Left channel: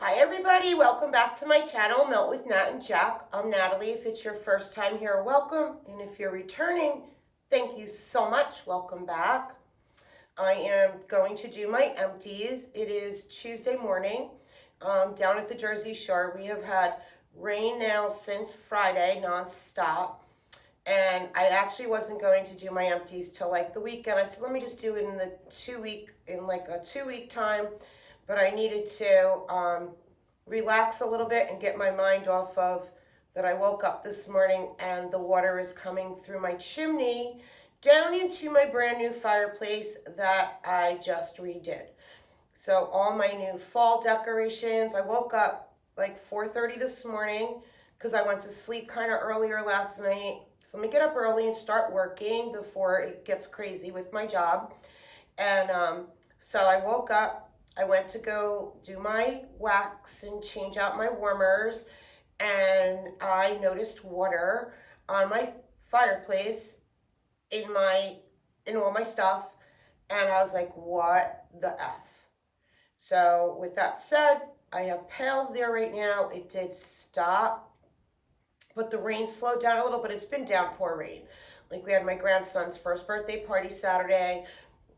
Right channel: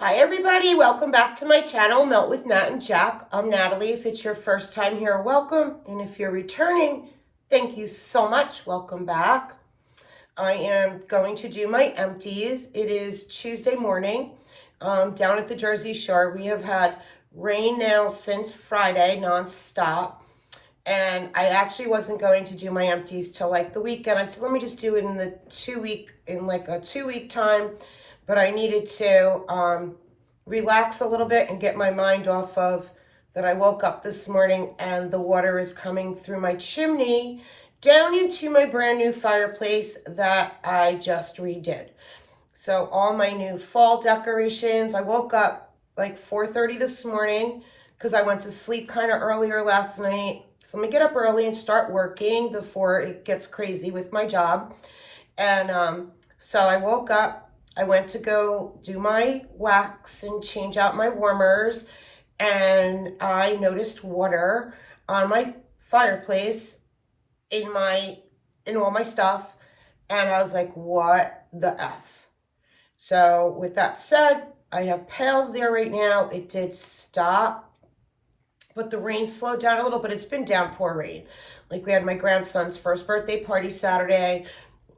Hi everybody, welcome back to my channel, Melt with Nat and Jack. I'm Natalie. If it's your first time here, welcome. And if you're returning, thank you so much. Welcome back. I am going to do my empties. It is Tuesday morning down at the Jersey Shore. We have had rain now since Friday, nonstop. And I actually wasn't going to do my empties till like the weekend. I said, let me just do it in the 2 week, in like a 2 week time. But I needed to relax a little bit and get my mind off of that. I woke up this morning and the water is coming through my chimney down into my brand new fireplace that I just redid. So all my new fall decorations, I woke up like 4:30 this morning because I went to sleep kind of earlier last night. So I'm gonna get up early and start working before it gets crazy with my job. And so I woke up, I went to go do my wax and change out my warmers, and I noticed water on my fireplace in all my stuff, and I was like, what the F? So with that said, I have pails there right now. It did stop, but the rain slowed down a little, but it's been downpour rain. Like we had my grandson's first birthday party Saturday.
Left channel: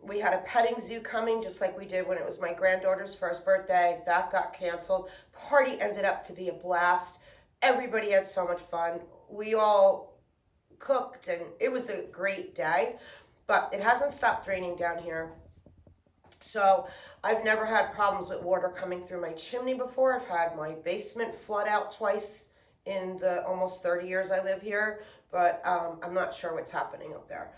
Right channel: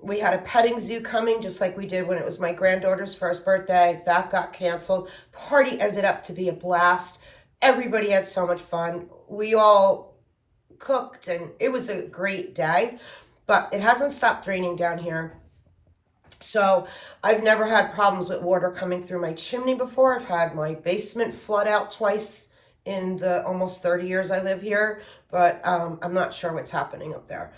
We had a petting zoo coming just like we did when it was my granddaughter's first birthday. That got canceled. Party ended up to be a blast. Everybody had so much fun. We all cooked and it was a great day, but it hasn't stopped raining down here. So I've never had problems with water coming through my chimney before. I've had my basement flood out twice in the almost 30 years I live here, but I'm not sure what's happening up there.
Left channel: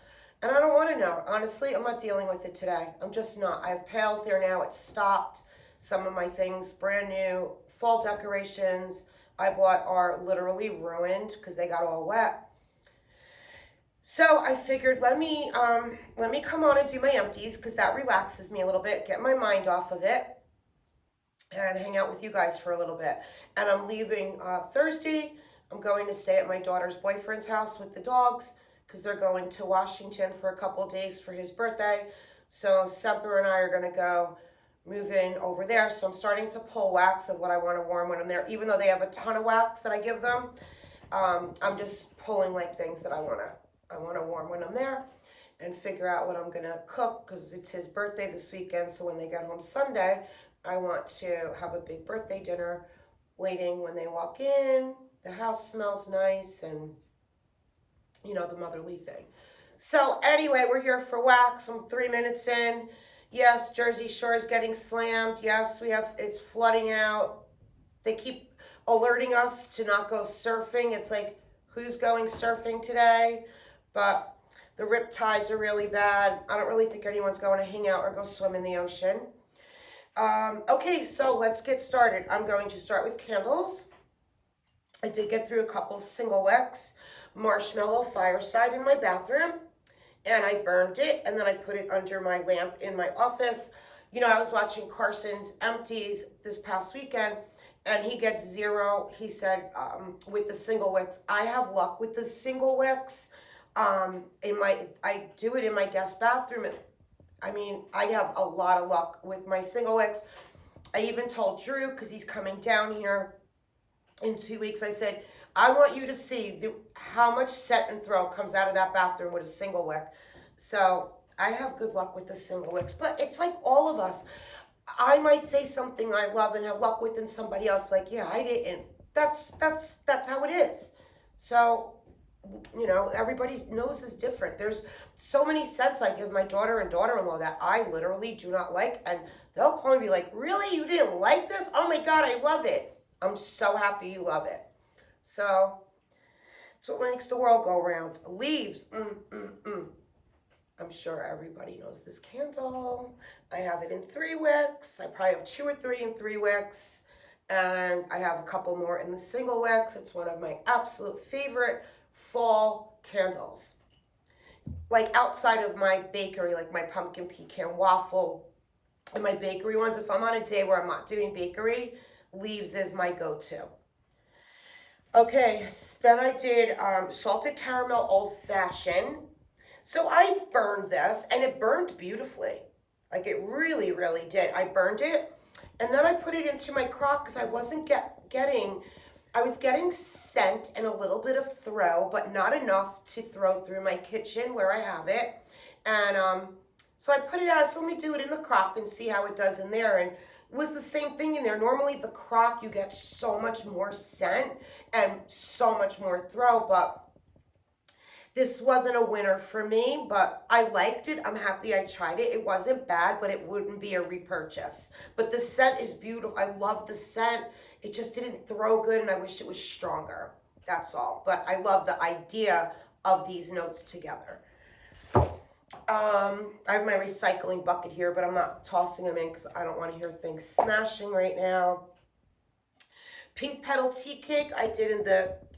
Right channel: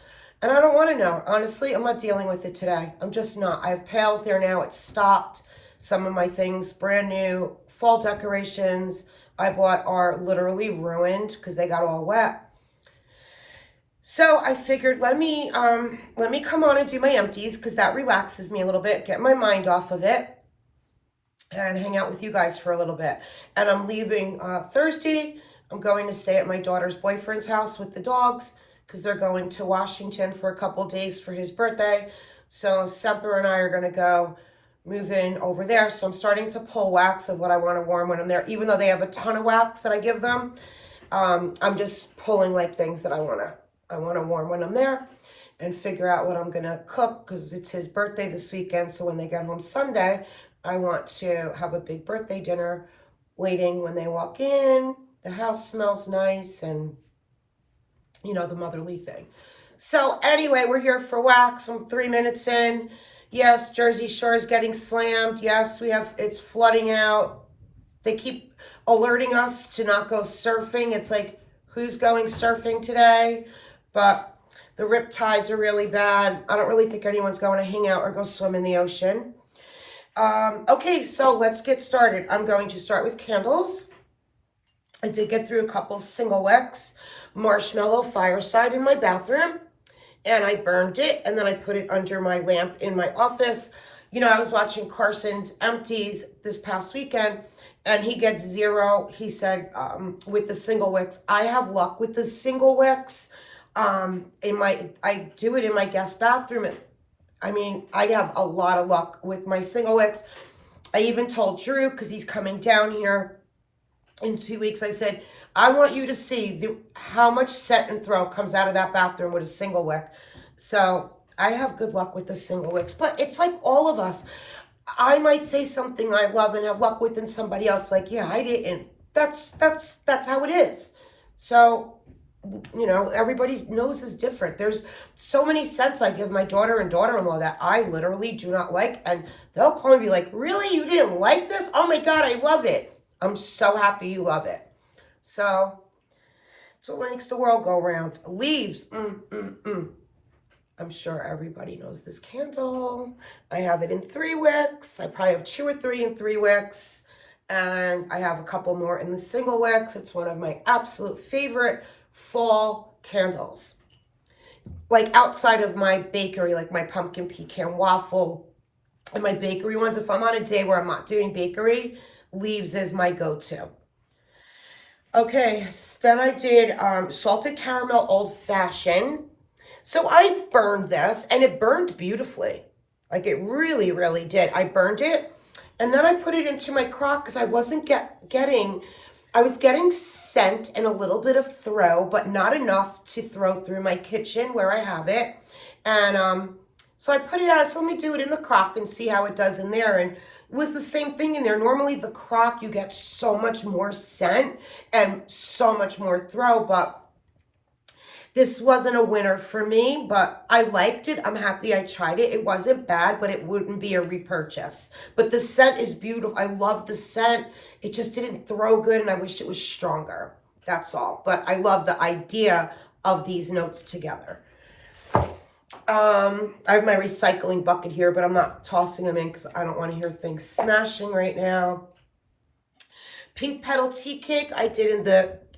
And I don't want to know. Honestly, I'm not dealing with it today. I'm just not. I have pails there now. It's stopped. Some of my things, brand new fall decorations I bought, are literally ruined because they got all wet. So I figured let me come on and do my empties because that relaxes me a little bit, get my mind off of it, and hang out with you guys for a little bit. And I'm leaving Thursday. I'm going to stay at my daughter's boyfriend's house with the dogs because they're going to Washington for a couple days for his birthday. So Semper and I are going to go move in over there. So I'm starting to pull wax of what I want to warm when I'm there, even though they have a ton of wax that I give them. I'm just pulling like things that I want to warm when I'm there and figure out what I'm going to cook because it's his birthday this weekend. So when they get home Sunday, I want to have a big birthday dinner waiting when they walk in. The house smells nice and, you know, the motherly thing. So anyway, we're here for wax. I'm 3 minutes in. Yes, Jersey Shore is getting slammed. Yes, it's flooding out. They keep alerting us to not go surfing. It's like, who's going surfing today? But the rip tides are really bad. I don't really think anyone's going to hang out or go swim in the ocean. Okay, so let's get started. I'm going to start with candles. I did get through a couple single wicks, marshmallow fireside in my bathroom, and I burned it, and then I put it under my lamp in my office. You know, I was watching Carson's empties this past weekend, and he gets 0. He said with the single wicks. I have luck with the single wicks. I do it in my guest bathroom. I mean, I have a lot of luck with my single wicks. I even told Drew, because he's coming down here in 2 weeks, I said, I want you to see how much set and throw comes out of that bathroom with a single wick. So I have good luck with the single wicks, but it's like all of us. I might say something I love and have luck with, and somebody else like, yeah, I didn't. That's how it is. So, you know, everybody's nose is different. There's so many scents I give my daughter and daughter-in-law that I literally do not like, and they'll call me and be like, really, you didn't like this? Oh my God, I love it. I'm so happy you love it. So it's what makes the world go round. Leaves. I'm sure everybody knows this candle. I have it in 3 wicks. I probably have 2 or 3 in 3 wicks, and I have a couple more in the single wicks. It's one of my absolute favorite fall candles. Like outside of my bakery, like my pumpkin pecan waffle and my bakery ones, if I'm on a day where I'm not doing bakery, leaves is my go-to. Okay, then I did salted caramel old fashioned. So I burned this, and it burned beautifully. Like it really, really did. I burned it, And then I put it into my crock because I wasn't I was getting scent and a little bit of throw, but not enough to throw through my kitchen where I have it. And so I put it out. So let me do it in the crock and see how it does in there. And it was the same thing in there. Normally the crock, you get so much more scent and so much more throw, but this wasn't a winner for me, but I liked it. I'm happy I tried it. It wasn't bad, but it wouldn't be a repurchase. But the scent is beautiful. I love the scent. It just didn't throw good, and I wish it was stronger. That's all. But I love the idea of these notes together. I have my recycling bucket here, but I'm not tossing them in because I don't want to hear things smashing right now. Pink Petal tea cake I did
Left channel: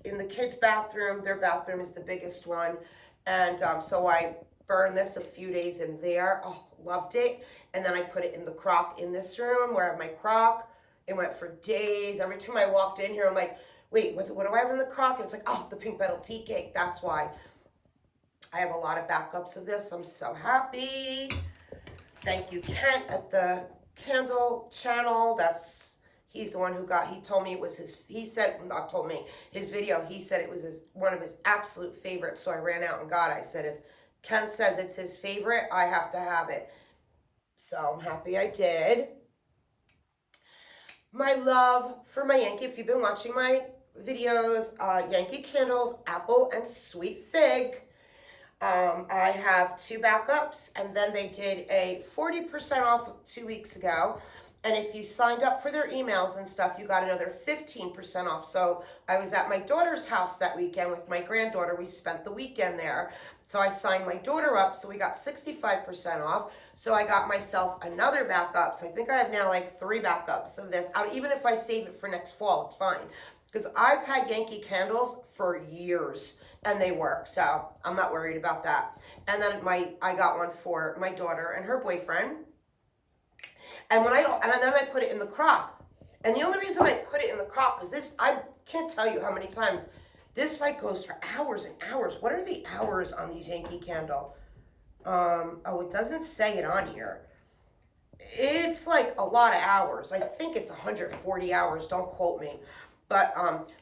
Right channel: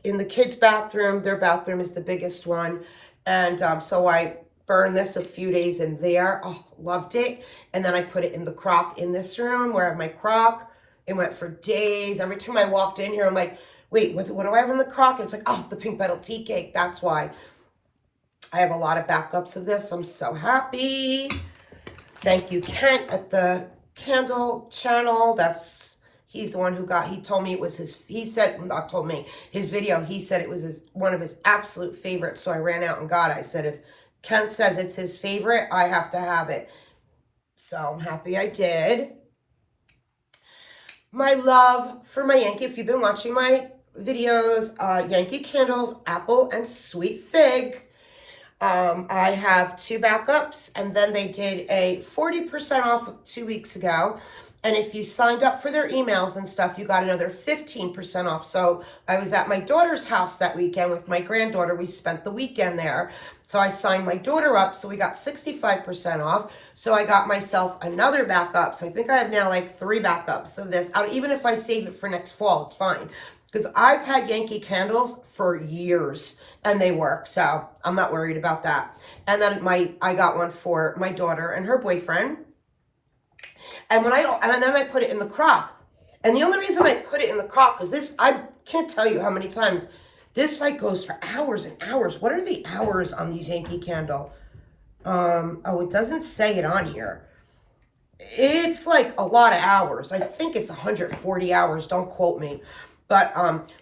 in the kids' bathroom. Their bathroom is the biggest one. And so I burned this a few days in there. Oh, loved it. And then I put it in the crock in this room where I have my crock. It went for days. Every time I walked in here, I'm like, wait, what do I have in the crock? And it's like, oh, the Pink Petal tea cake. That's why. I have a lot of backups of this. I'm so happy. Thank you, Kent, at the Candle channel. He's the one who he told me it was not told me, his video, he said it was one of his absolute favorites. So I ran out and got it. I said, if Kent says it's his favorite, I have to have it. So I'm happy I did. My love for my Yankee, if you've been watching my videos, Yankee Candles, apple and sweet fig. I have 2 backups, and then they did a 40% off 2 weeks ago. And if you signed up for their emails and stuff, you got another 15% off. So I was at my daughter's house that weekend with my granddaughter. We spent the weekend there. So I signed my daughter up, so we got 65% off. So I got myself another backup. So I think I have now like 3 backups of this. Even if I save it for next fall, it's fine. Because I've had Yankee Candles for years and they work, so I'm not worried about that. And then I got one for my daughter and her boyfriend. And then I put it in the crock. And the only reason I put it in the crock is this, I can't tell you how many times this like goes for hours and hours. What are the hours on these Yankee Candle? Oh, it doesn't say it on here. It's like a lot of hours. I think it's 140 hours. Don't quote me. But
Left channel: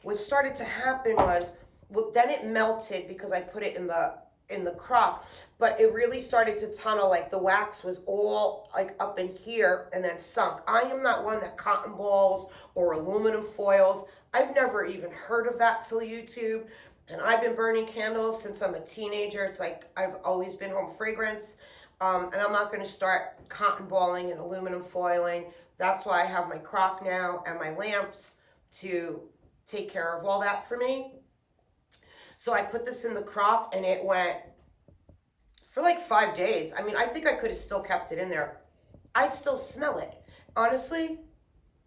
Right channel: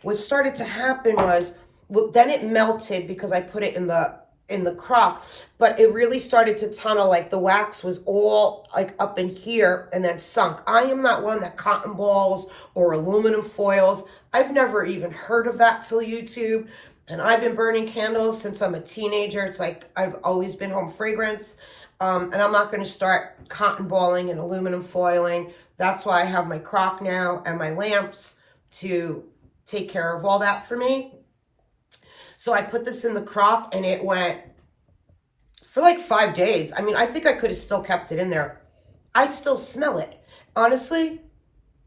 what started to happen was, well, then it melted because I put it in the crock, but it really started to tunnel. Like the wax was all like up in here and then sunk. I am not one that cotton balls or aluminum foils. I've never even heard of that till YouTube. And I've been burning candles since I'm a teenager. It's like I've always been home fragrance. And I'm not going to start cotton balling and aluminum foiling. That's why I have my crock now and my lamps to take care of all that for me. So I put this in the crock and it went for like 5 days. I mean, I think I could have still kept it in there. I still smell it. Honestly,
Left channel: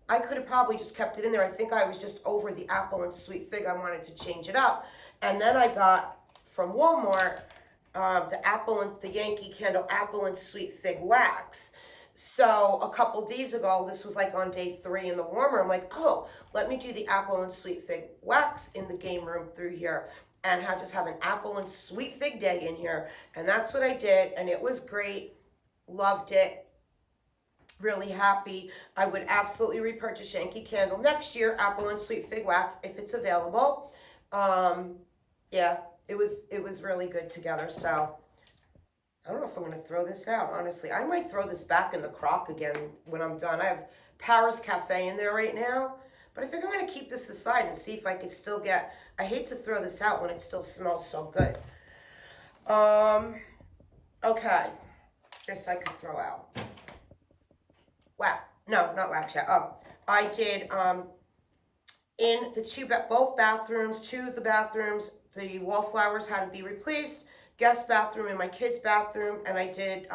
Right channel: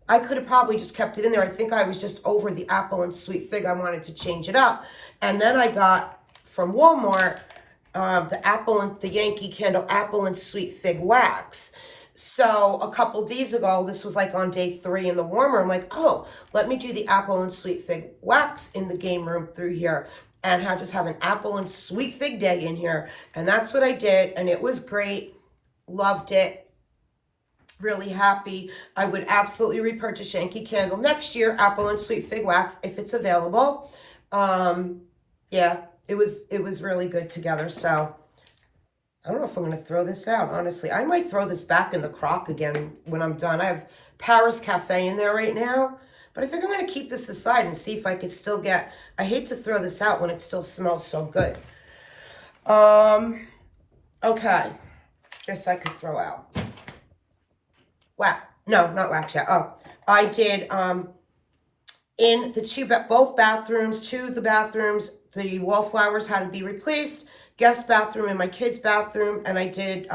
I could have probably just kept it in there. I think I was just over the apple and sweet fig. I wanted to change it up. And then I got from Walmart the Yankee Candle apple and sweet fig wax. So a couple days ago, this was like on day 3 in the warmer, I'm like, oh, let me do the apple and sweet fig wax in the game room through here and just have an apple and sweet fig day in here. And that's what I did, and it was great. Loved it. Really happy. I would absolutely repurchase Yankee Candle next year, apple and sweet fig wax, if it's available. Yeah, it was really good together. So I don't know if I'm going to throw this out, honestly. I might throw this back in the crock again when I'm done. I have Paris Cafe in there right now, but I think I'm going to keep this aside and see if I could still get, I hate to throw this out when it still smells so good. Okay, this I could throw out. Wow, no, not wax yet. Oh, I did, in the both bathrooms, 2 of the bathrooms, the wallflowers had to be replaced. Guest bathroom and my kids' bathroom, and I did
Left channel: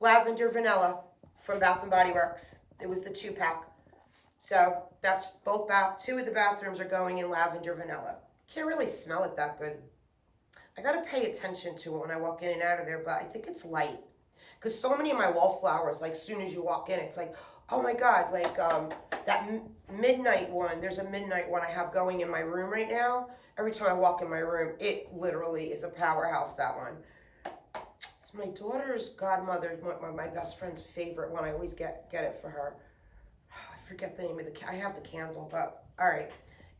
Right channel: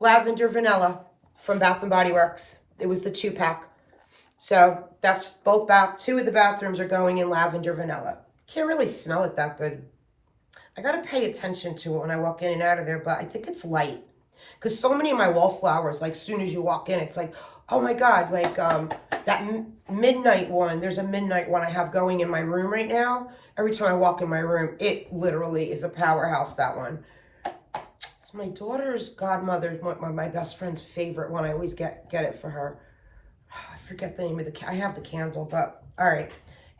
Lavender Vanilla from Bath & Body Works. It was the 2-pack. So that's 2 of the bathrooms are going in Lavender Vanilla. Can't really smell it that good. I got to pay attention to it when I walk in and out of there, but I think it's light. Because so many of my wallflowers, like, as soon as you walk in, it's like, oh my God, like that midnight one. There's a midnight one I have going in my room right now. Every time I walk in my room, it literally is a powerhouse, that one. It's my daughter's godmother, my best friend's favorite one. I always get it for her. I forget the name of I have the candle, but all right.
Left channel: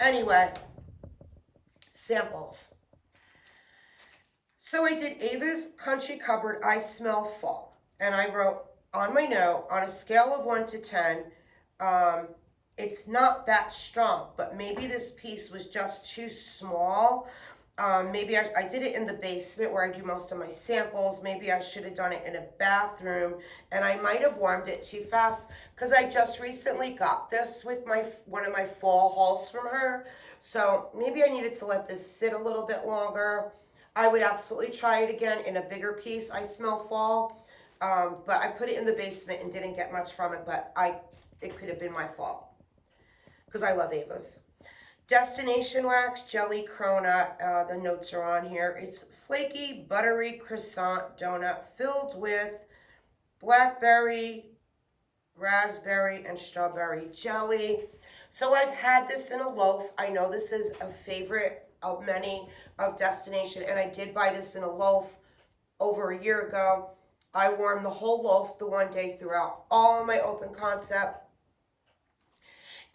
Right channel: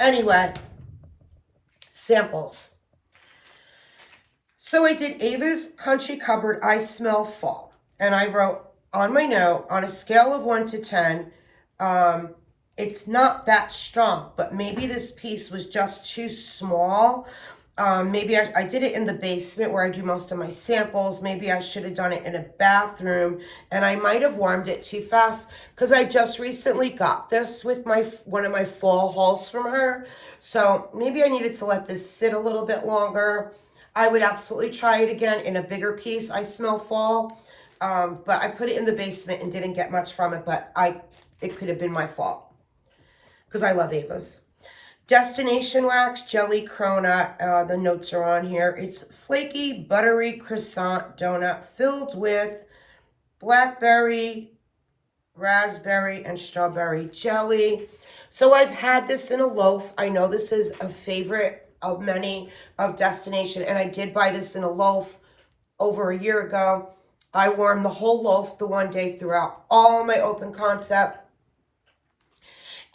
Anyway, samples. So I did Ava's Country Cupboard, I Smell Fall. And I wrote on my note, on a scale of 1 to 10, it's not that strong, but maybe this piece was just too small. Maybe I did it in the basement where I do most of my samples. Maybe I should have done it in a bathroom, and I might have warmed it too fast because I just recently got this with one of my fall hauls from her. So maybe I needed to let this sit a little bit longer. I would absolutely try it again in a bigger piece. I Smell Fall, but I put it in the basement and didn't get much from it, but it could have been my fault because I love Ava's. Destination Wax Jelly Cronut, the notes are on here. It's flaky, buttery croissant donut filled with blackberry, raspberry, and strawberry jelly. So I've had this in a loaf. I know this is a favorite of many of Destination, and I did buy this in a loaf over a year ago. I warmed the whole loaf the one day throughout all my open concept,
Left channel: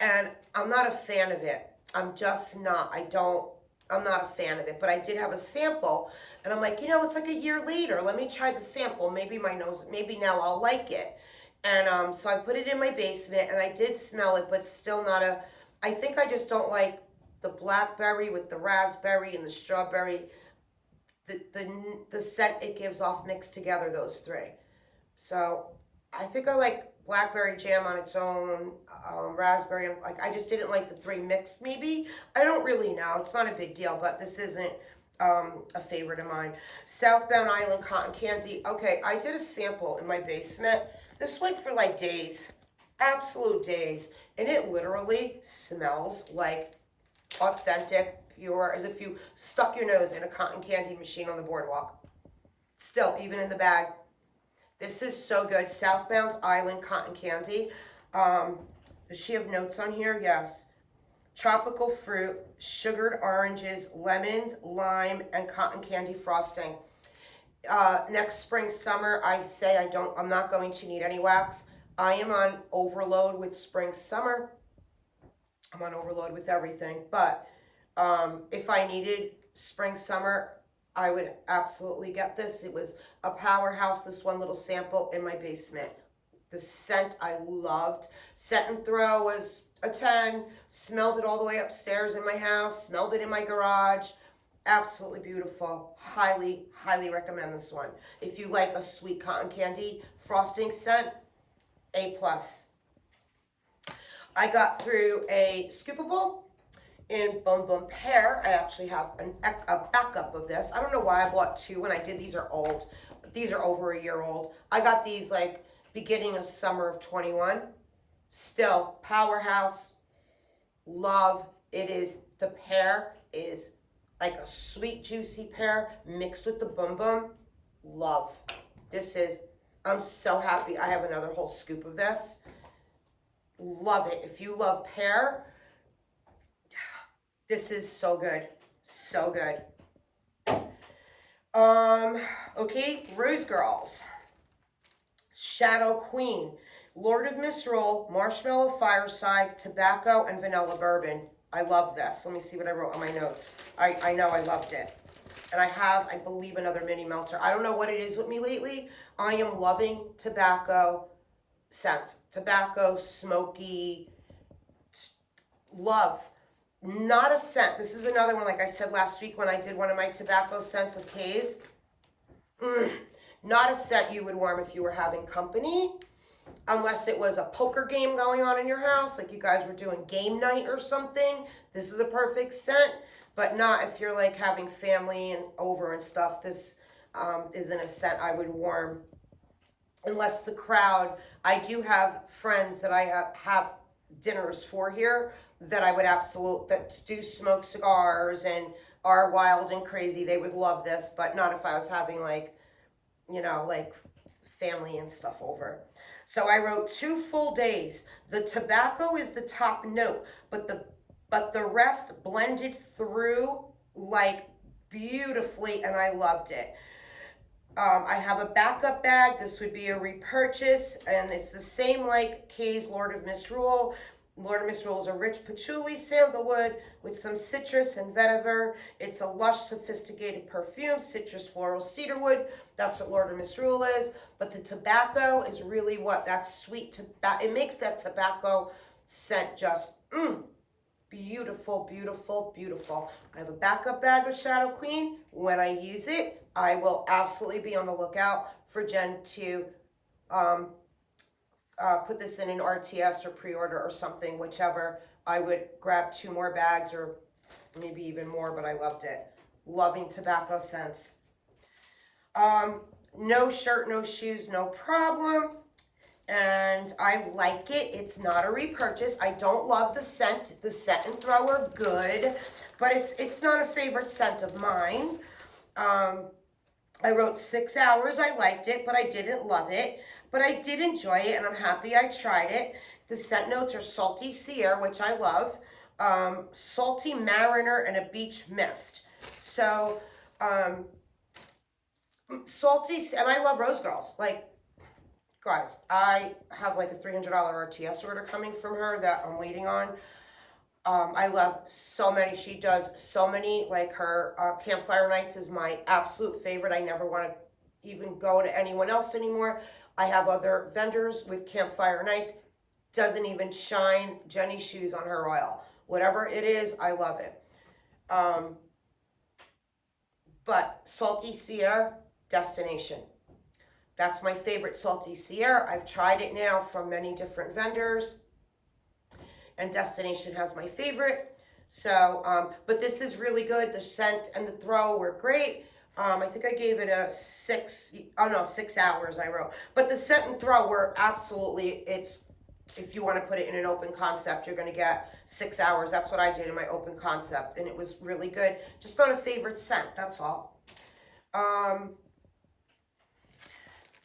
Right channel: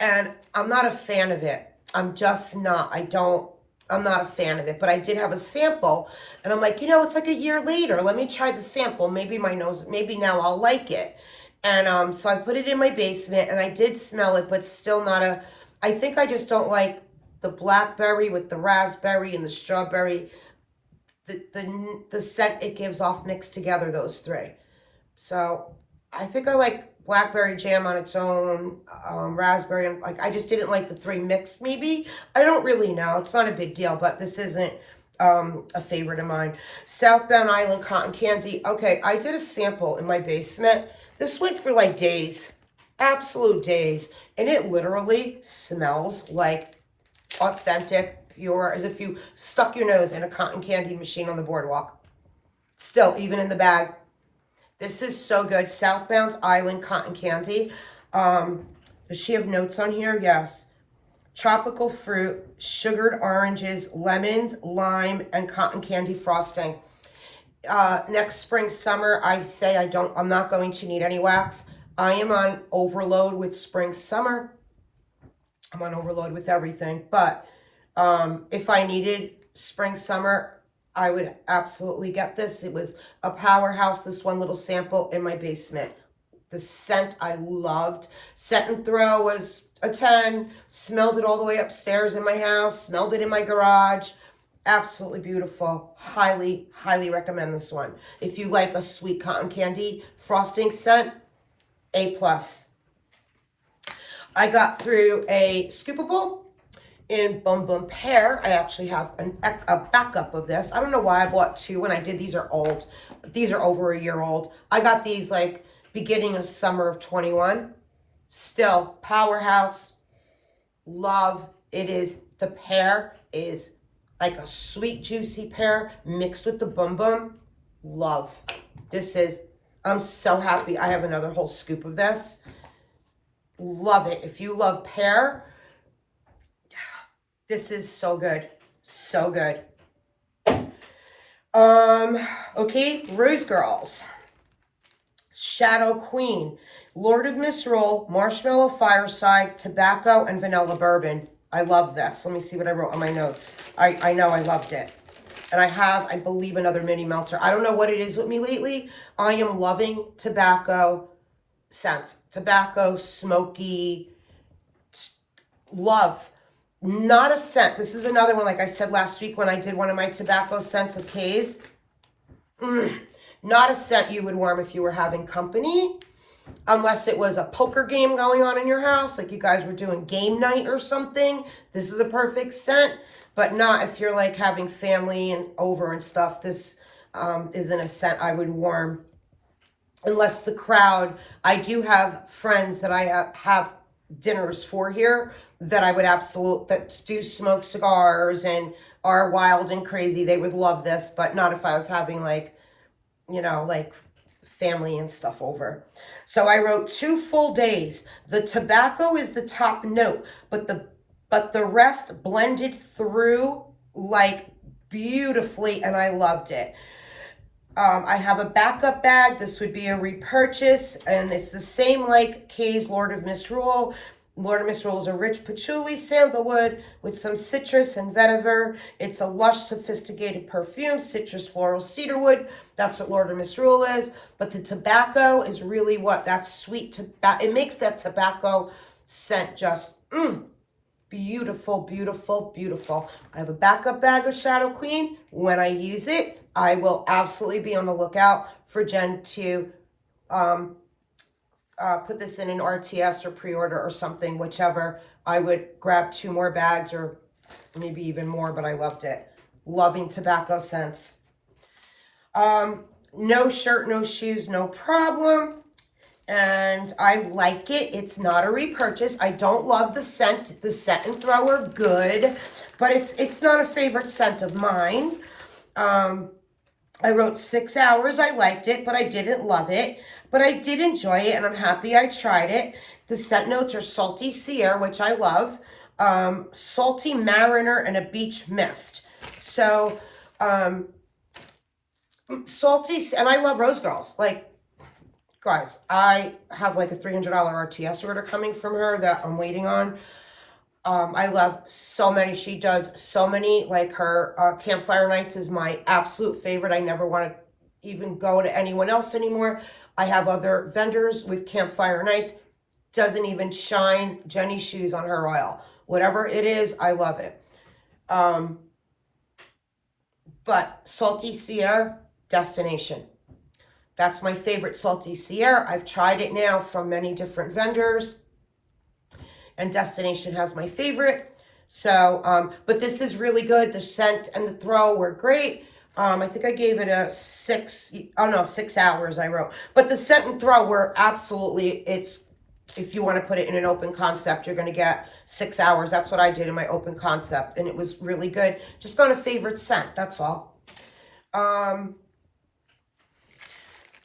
and I'm not a fan of it. I'm just not. I'm not a fan of it, but I did have a sample, and I'm like, it's like a year later. Let me try the sample. Maybe maybe now I'll like it. And so I put it in my basement, and I did smell it, but still not I think I just don't like the blackberry with the raspberry and the strawberry, the scent it gives off mixed together, those three. So I think I like blackberry jam on its own, raspberry, and I just didn't like the three mixed maybe. I don't really know. It's not a big deal, but this isn't a favorite of mine. Southbound Island Cotton Candy. Okay, I did a sample in my basement. This went for like days, absolute days, and it literally smells like authentic, pure, as if you stuck your nose in a cotton candy machine on the boardwalk. Still, even in the bag. This is so good. Southbound Island Cotton Candy. Does she have notes on here? Yes. Tropical fruit, sugared oranges, lemons, lime, and cotton candy frosting. Next spring, summer, I'm not going to need any wax. I am on overload with spring, summer. I'm on overload with everything. But if I needed spring, summer, I would absolutely get this. It was a Powerhouse, this one little sample in my basement. The scent I loved. Scent and Throw was a 10. Smelled it all the way upstairs in my house. Smelled it in my garage. Absolutely beautiful. Highly, highly recommend this one. If you like a sweet cotton candy frosting scent, A+. I got through a Scoopable in Bum Bum Pear. I actually have a backup of this. I don't know why I bought two when I did. These are old. These are over a year old. I got these like beginning of summer of 21. Still, Powerhouse Love. It is, the pear is like a sweet, juicy pear mixed with the Bum Bum. Love. This is, I'm so happy I have another whole scoop of this. Love it. If you love pear, this is so good. So good. Okay, Rose Girls. Shadow Queen. Lord of Misrule, Marshmallow Fireside, Tobacco, and Vanilla Bourbon. I love this. Let me see what I wrote on my notes. I know I loved it. And I have, I believe, another mini melter. I don't know what it is with me lately. I am loving tobacco scents. Tobacco, smoky, love. Not a scent. This is another one, like I said last week when I did one of my tobacco scents of K's. Not a scent you would warm if you were having company. Unless it was a poker game going on in your house, like you guys were doing game night or something. This is a perfect scent, but not if you're like having family and over and stuff. This isn't a scent I would warm. Unless the crowd, I do have friends that I have dinners for here that I would that do smoke cigars and are wild and crazy. They would love this, but not if I was having like, like family and stuff over. So I wrote 2 full days. The tobacco is the top note, but the rest blended through like beautifully, and I loved it. I have a backup bag. This would be a repurchase, and it's the same like Kay's Lord of Misrule. Lord of Misrule is a rich patchouli sandalwood with some citrus and vetiver. It's a lush, sophisticated perfume, citrus, floral, cedarwood. That's what Lord of Misrule is. But the tobacco is really what that sweet tobacco. It makes that tobacco scent just beautiful, beautiful, beautiful. I have a backup bag of Shadow Queen. When I use it, I will absolutely be on the lookout for Jen to put this in an RTS or pre-order or something, whichever. I would grab 2 more bags or maybe even more, but I loved it. Loving tobacco scents. No shirt, no shoes, no problem. And I like it. It's not a repurchase. I don't love the scent. The Set and Throw are good, but it's not a favorite scent of mine. I wrote 6 hours. I liked it, but I didn't love it. But I did enjoy it, and I'm happy I tried it. The scent notes are salty Sierra, which I love, salty Mariner, and a beach mist. So, salty, and I love Rose Girls. Like, guys, I have like a $300 RTS order coming from her that I'm waiting on. I love so many. She does so many. Like her Campfire Nights is my absolute favorite. I never want to even go to anyone else anymore. I have other vendors with Campfire Nights. Doesn't even shine Jenny's shoes on her oil. Whatever it is, I love it. But Salty Sierra, Destination. That's my favorite Salty Sierra. I've tried it now from many different vendors, and Destination has my favorite. So, but this is really good. The scent and the throw were great. I think I gave it a 6, oh no, 6 hours I wrote. But the scent and throw were absolutely, if you want to put it in an open concept, you're going to get 6 hours. That's what I did in my open concept, and it was really good. Just not a favorite scent, that's all.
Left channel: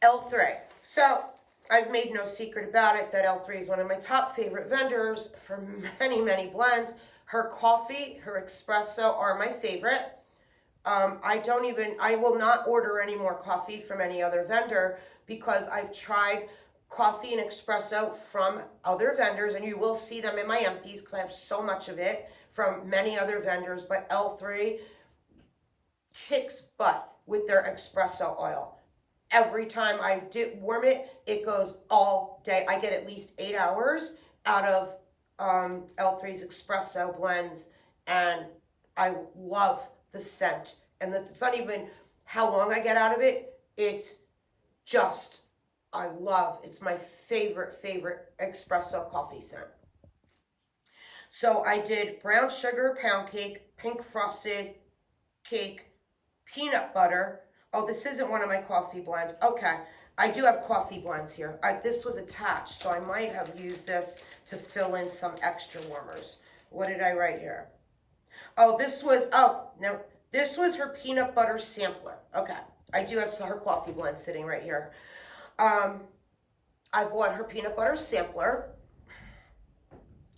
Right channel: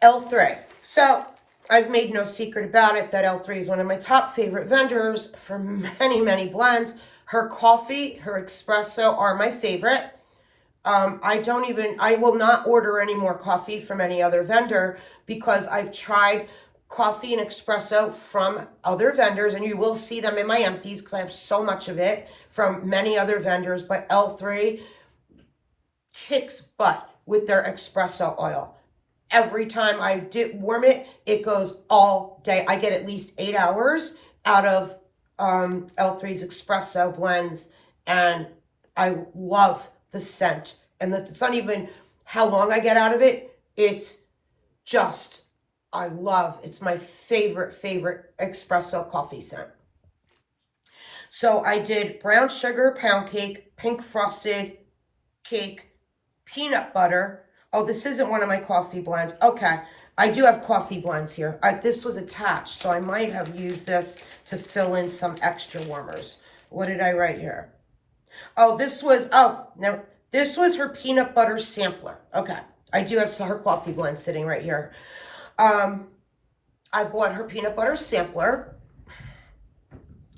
L3. So I've made no secret about it that L3 is one of my top favorite vendors for many, many blends. Her coffee, her espresso are my favorite. I will not order any more coffee from any other vendor because I've tried coffee and espresso from other vendors, and you will see them in my empties because I have so much of it from many other vendors, but L3 kicks butt with their espresso oil. Every time I warm it, it goes all day. I get at least 8 hours out of L3's espresso blends, and I love the scent. And it's not even how long I get out of it. It's just, it's my favorite espresso coffee scent. So I did brown sugar pound cake, pink frosted cake, peanut butter. Oh, this isn't one of my coffee blends. Okay, I do have coffee blends here. This was attached, so I might have used this to fill in some extra warmers. What did I write here? Oh, this was her peanut butter sampler. Okay, I do have her coffee blend sitting right here. I bought her peanut butter sampler.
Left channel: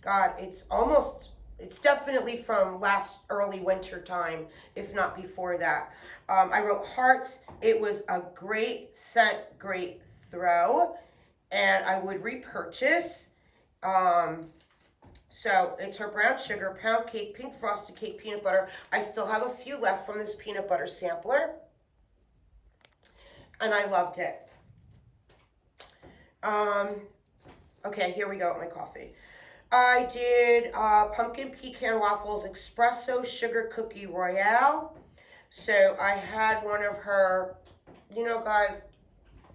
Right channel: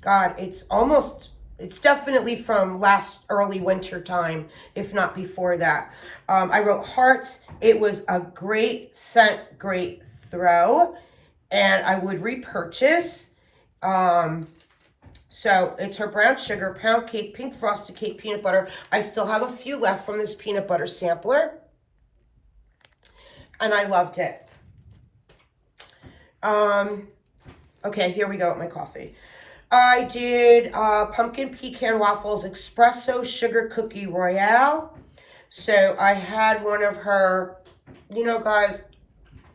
God, it's definitely from last early winter time, if not before that. I wrote hearts. It was a great scent, great throw, and I would repurchase. So it's her brown sugar, pound cake, pink frosted cake, peanut butter. I still have a few left from this peanut butter sampler, and I loved it. Okay, here we go with my coffee. I did pumpkin pecan waffles espresso sugar cookie royale. So I had one of her, you know, guys,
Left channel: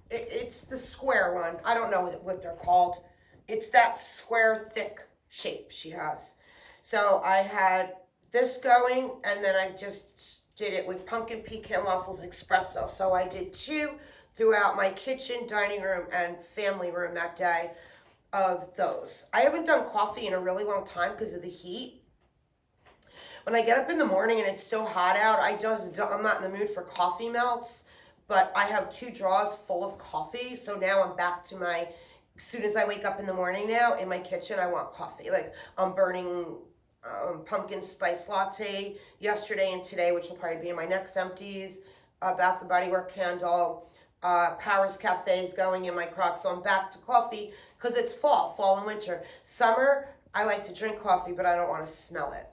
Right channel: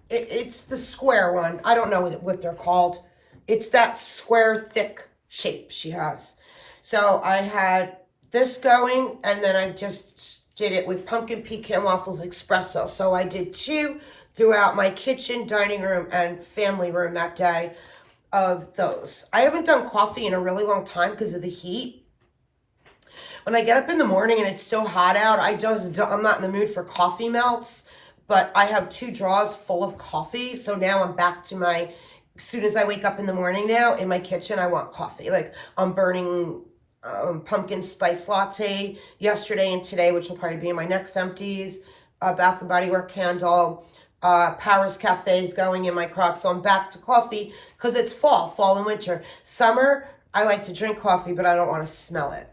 it's the square one. I don't know what they're called. It's that square thick shape she has. So I had this going, and then I just did it with pumpkin pecan waffles espresso. So I did 2 throughout my kitchen, dining room, and family room that day of those. I haven't done coffee in a really long time because of the heat. When I get up in the morning and it's so hot out, I'm not in the mood for coffee melts, but I have 2 drawers full of coffee. So now I'm back to as soon as I wake up in the morning now, in my kitchen, I want coffee. Like I'm burning pumpkin spice latte yesterday and today, which will probably be in my next empties. Bath & Body Works candle. Paris Cafe is going in my crock, so I'm back to coffee because it's fall and winter. Summer, I like to drink coffee, but I don't want to smell it.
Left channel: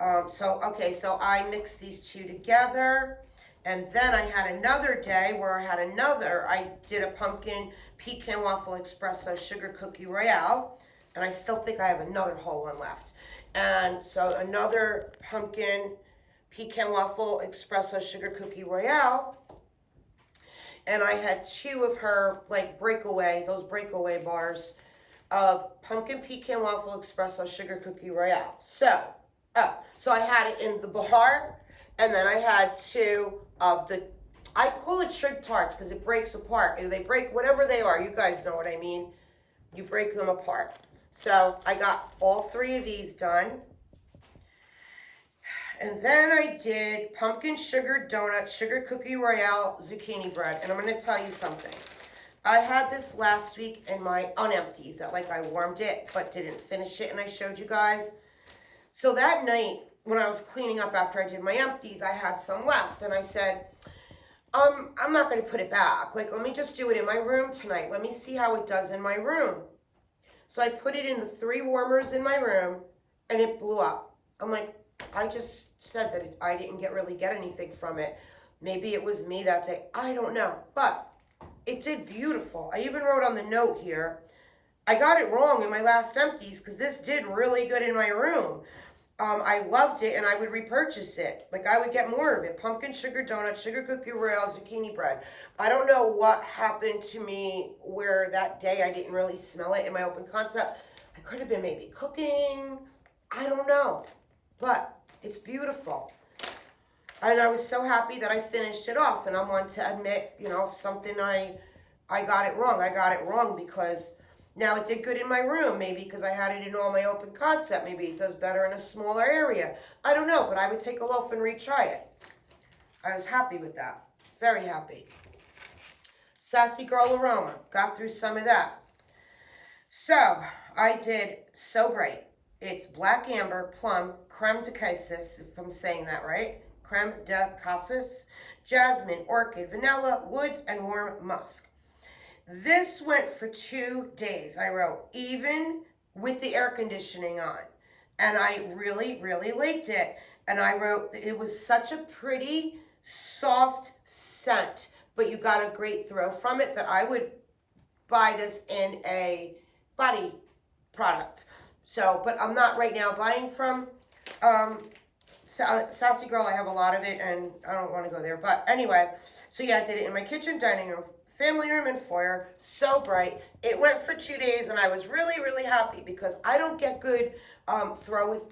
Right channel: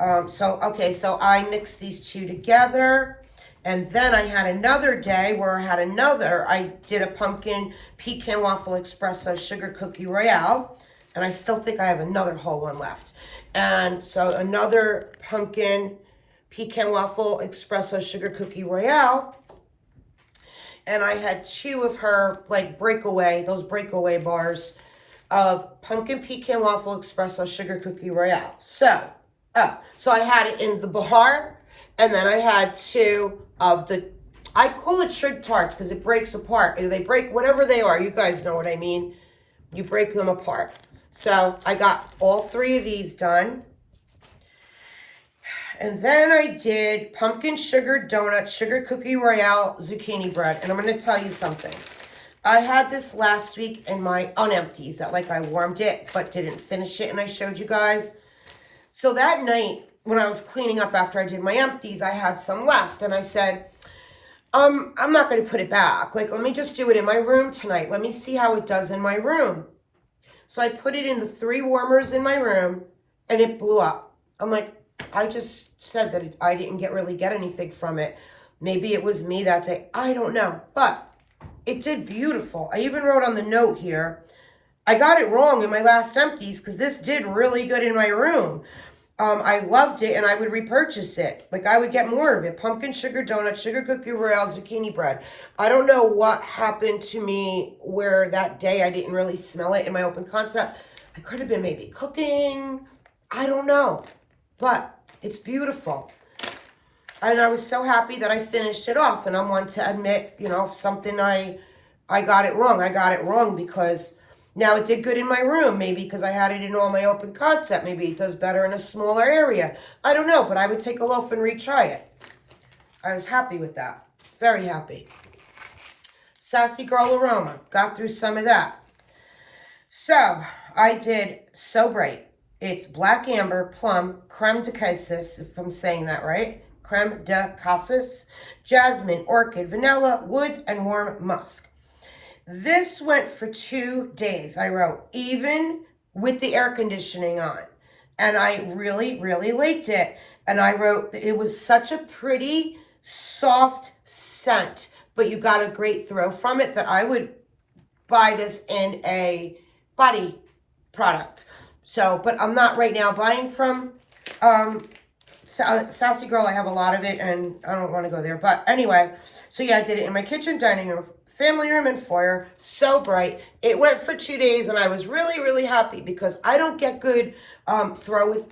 Okay, so I mixed these two together. And then I had another day where I did a pumpkin pecan waffle espresso sugar cookie royale. And I still think I have another whole one left. And so another pumpkin pecan waffle espresso sugar cookie royale. And I had two of her, like, those breakaway bars of pumpkin pecan waffle espresso sugar cookie royale. So I had it in the bar, and then I had two of I call it trig tarts because it breaks apart. They break, whatever they are, you guys know what I mean. You break them apart. So I got all three of these done. And then I did pumpkin sugar donut, sugar cookie royale, zucchini bread. And I'm going to tell you something. I had this last week in my unempties that, like, I warmed it but didn't finish it, and I showed you guys. So that night when I was cleaning up after I did my empties, I had some left, and I said, I'm not going to put it back. Like, let me just do it in my room tonight. Let me see how it does in my room. So I put it in the 3 warmers in my room, and it blew up. I'm like, I just said that I didn't really get anything from it. Maybe it was me that day. I don't know. But it did beautiful. I even wrote on the note here, I got it wrong in my last empties because this did really good in my room. I loved it, and I would repurchase it. Like, I would get more of it. Pumpkin sugar donut, sugar cookie royale, zucchini bread. I don't know what happened to me where that day I didn't really smell it in my open concept. I could have been maybe cooking. I don't know. But it's beautiful. And I was so happy that I finished it off. And I'm one to admit, you know, something I got it wrong. I got it wrong because now it did good in my room. Maybe because I had it in all my open concept. Maybe it does better in a smaller area. I don't know, but I would take a loaf and retry it. I was happy with that. Very happy. Sassy Girl Aroma. Got through some of that. So I did So Bright. It's black amber, plum, creme de cassis, if I'm saying that right. Creme de cassis, jasmine, orchid, vanilla, woods, and warm musk. This went for 2 days. I wrote, even with the air conditioning on. And I really, really liked it. And I wrote, it was such a pretty, soft scent, but you got a great throw from it that I would buy this in a body product. So, but I'm not right now buying from Sassy Girl. I have a lot of it, and I don't want to go there. But anyway, so yeah, I did it in my kitchen, dining room, family room, and foyer. So Bright. It went for 2 days, and I was really, really happy because I don't get good throw with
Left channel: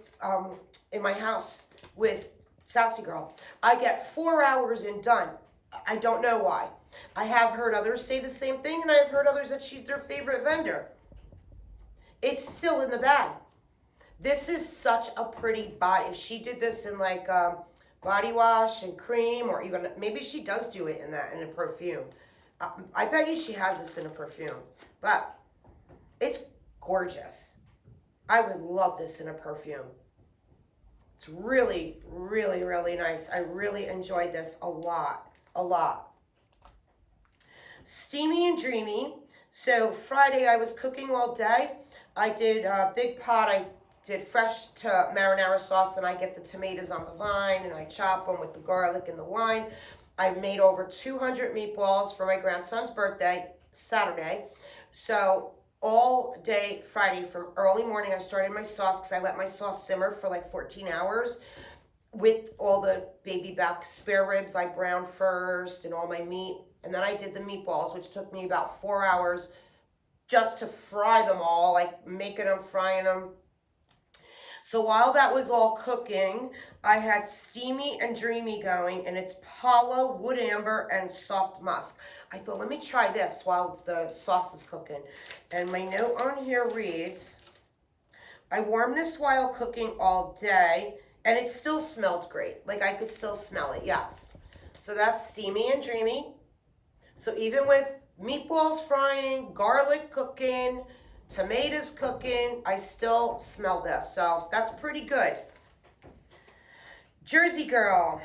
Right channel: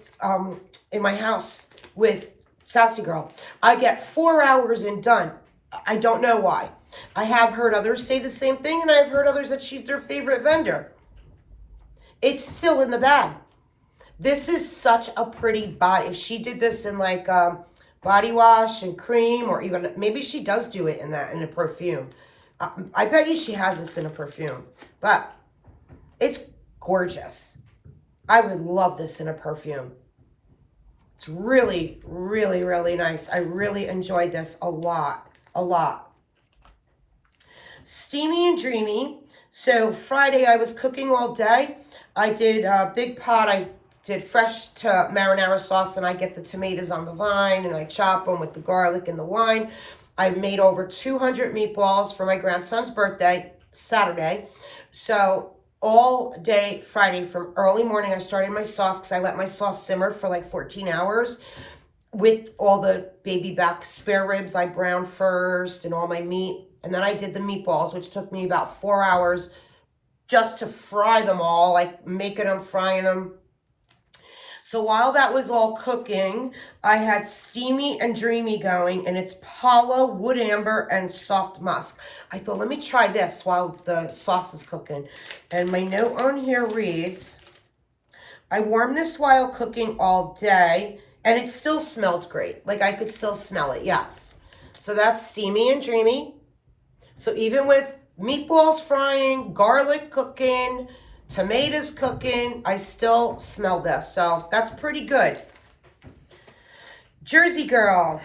in my house with Sassy Girl. I get 4 hours and done. I don't know why. I have heard others say the same thing, and I have heard others that she's their favorite vendor. It's still in the bag. This is such a pretty body. If she did this in like body wash and cream, or even maybe she does do it in a perfume. I bet you she has this in a perfume, but it's gorgeous. I would love this in a perfume. It's really, really, really nice. I really enjoyed this a lot. Steamy and Dreamy. So Friday I was cooking all day. I did a big pot. I did fresh to marinara sauce, and I get the tomatoes on the vine and I chop them with the garlic and the wine. I made over 200 meatballs for my grandson's birthday Saturday. So all day Friday from early morning I started my sauce because I let my sauce simmer for like 14 hours with all the baby back spare ribs I browned first and all my meat. And then I did the meatballs, which took me about 4 hours just to fry them all, like making them, frying them. So while that was all cooking, I had Steamy and Dreamy going, and it's Palo, Wood Amber, and Soft Musk. I thought, let me try this while the sauce is cooking. And my note on here reads, I warmed this while cooking all day, and it still smelled great. Like, I could still smell it, yes. So that's Steamy and Dreamy. So even with meatballs frying, garlic cooking, tomatoes cooking, I still smell this. So that's pretty good. Jersey Girl.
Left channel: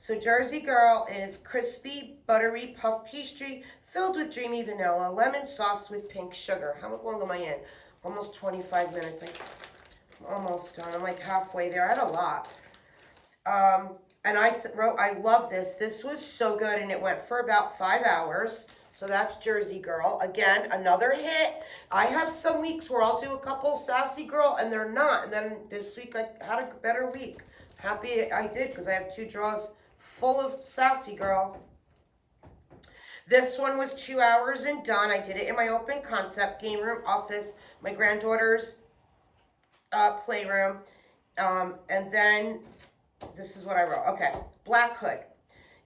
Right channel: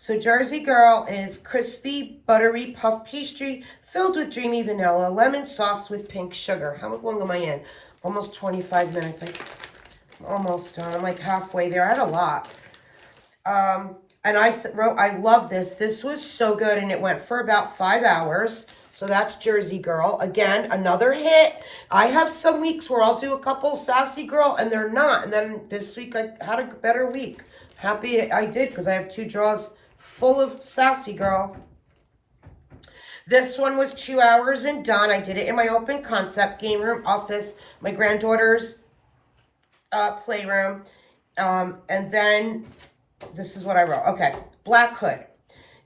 So Jersey Girl is crispy, buttery puff pastry filled with dreamy vanilla, lemon sauce with pink sugar. How long am I in? Almost 25 minutes. I'm almost done. I'm like halfway there. I had a lot. And I wrote, I love this. This was so good, and it went for about 5 hours. So that's Jersey Girl. Again, another hit. I have some weeks where I'll do a couple Sassy Girl, and they're not. And then this week I had a better week. Happy I did, because I have 2 drawers full of Sassy Girl. This one was 2 hours and done. I did it in my open concept game room office, my granddaughter's playroom. And then this is what I wrote. Okay, Black Hood.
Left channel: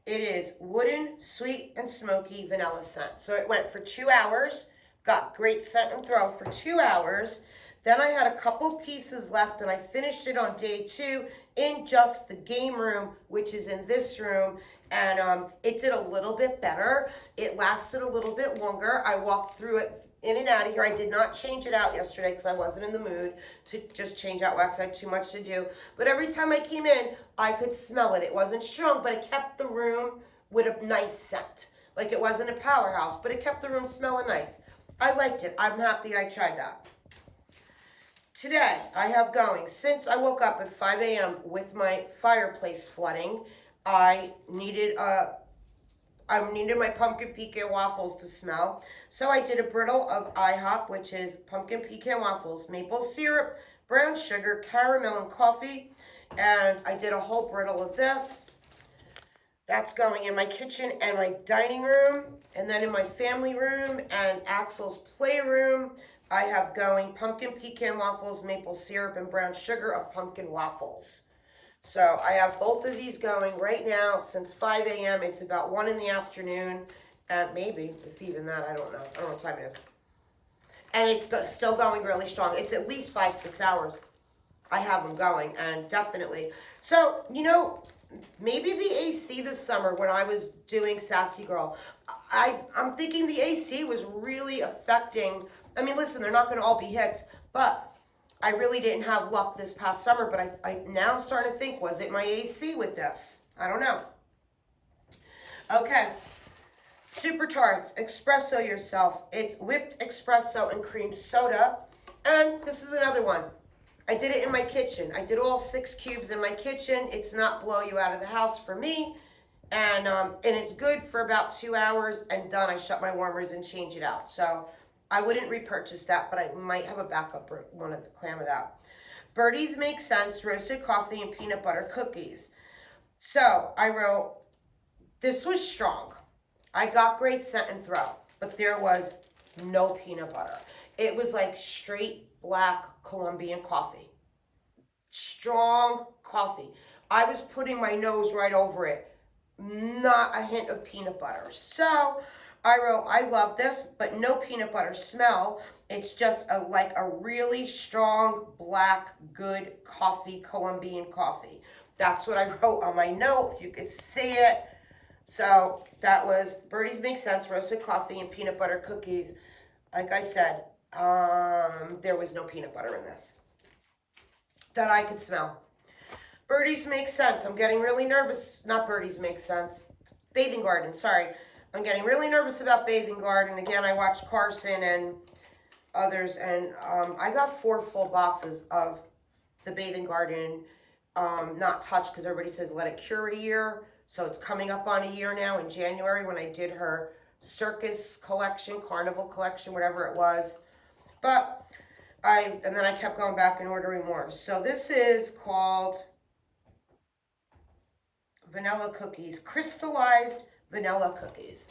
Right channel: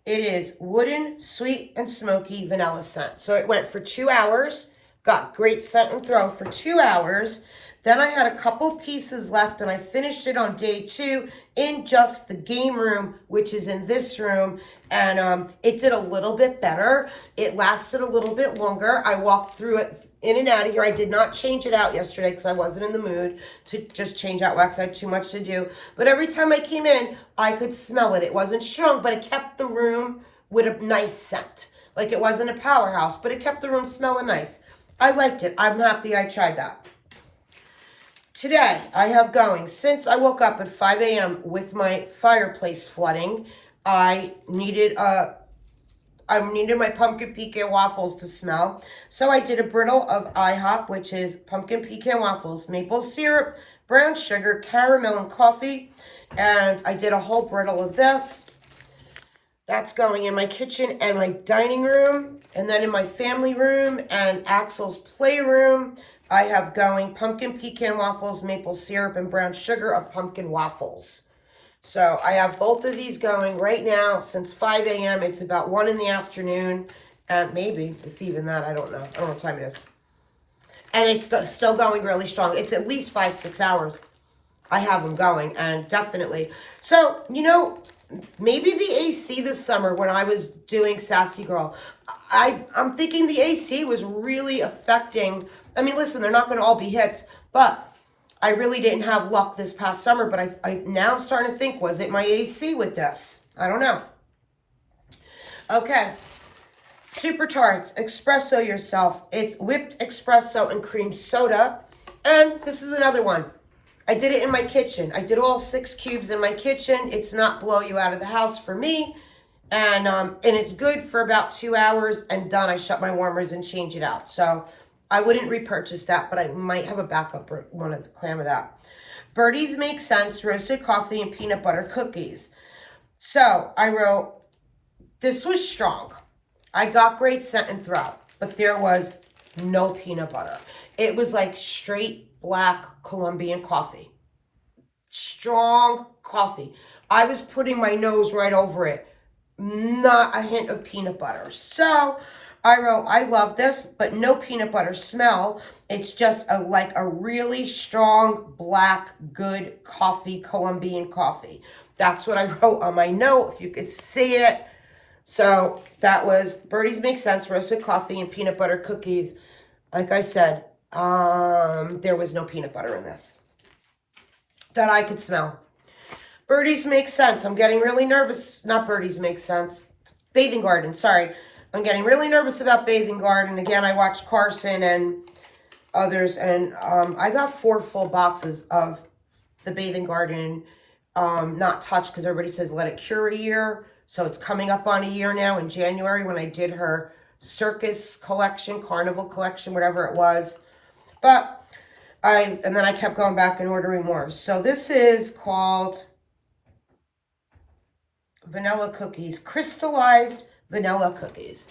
It is wooden, sweet, and smoky vanilla scent. So it went for 2 hours. Got great scent and throw for 2 hours. Then I had a couple pieces left, and I finished it on day 2 in just the game room, which is in this room. And it did a little bit better. It lasted a little bit longer. I walked through it in and out of here. I did not change it out yesterday because I wasn't in the mood to just change out wax. I had too much to do. But every time I came in, I could smell it. It wasn't strong, but it kept the room with a nice scent. Like it wasn't a powerhouse, but it kept the room smelling nice. I liked it. I'm happy I tried that. Today, I have going, since I woke up at 5 a.m. with my fireplace flooding, I needed my pumpkin pecan waffles to smell. So I did a brittle of IHOP, which is pumpkin pecan waffles, maple syrup, brown sugar, caramel, and coffee. And I did a whole brittle of this. That's going in my kitchen and my dining room. And then in my family room and Axel's playroom, I have going pumpkin pecan waffles, maple syrup, and brown sugar of pumpkin waffles. So I have both of these going right now since 5 a.m. It's about 1 in the afternoon, and maybe, if even that, I don't know. I don't know what time it is. And it's still going really strong. It's at least 5-6 hours I have them going, and definitely. So, you know, maybe the AC this summer when I was doing Sassy Girl, I'm thinking the AC was really affecting. I mean, listen, they're not going to all be hits, but I really didn't have luck this past summer, but now I'm starting to think, was it my AC with this? I don't know. Okay. Super Tarts, Espresso Yourself. It's whipped espresso and cream soda. And this is another one. I did it in my kitchen. I did all 6 cubes in my kitchen. It's not blow you out of the house for me. And it's good for about 2 hours and done. I shut my warmers and change it out. So I wouldn't repurchase that, but I might have a backup one of the clam of that. Birdies Make Sense, roasted coffee and peanut butter cookies. So I wrote, this was strong. I got great scent and throw, but there was no peanut butter. It was like straight black Colombian coffee. Strong coffee. I was putting my nose right over it. Not a hint of peanut butter. So I wrote, I love this, but no peanut butter smell. It's just like a really strong, black, good coffee, Colombian coffee. That's what I wrote on my note, if you could see it. So that was Birdies Make Sense, roasted coffee and peanut butter cookies. Like I said, there was no peanut butter in this that I could smell. Birdies Make Sense. I'm getting really nervous. Not Birdies Make Sense. Bathing Garden, sorry. I'm getting really nervous about Bathing Garden. Again, I watched Carson and others, and I got 4 full boxes of the Bathing Garden not touched, because everybody says let it cure a year. So it's coming up on a year now in January when I did her circus collection, carnival collection, whatever it was. But and then I kept going back and ordering more. So this is called Vanilla Cookies, crystallized vanilla cookies.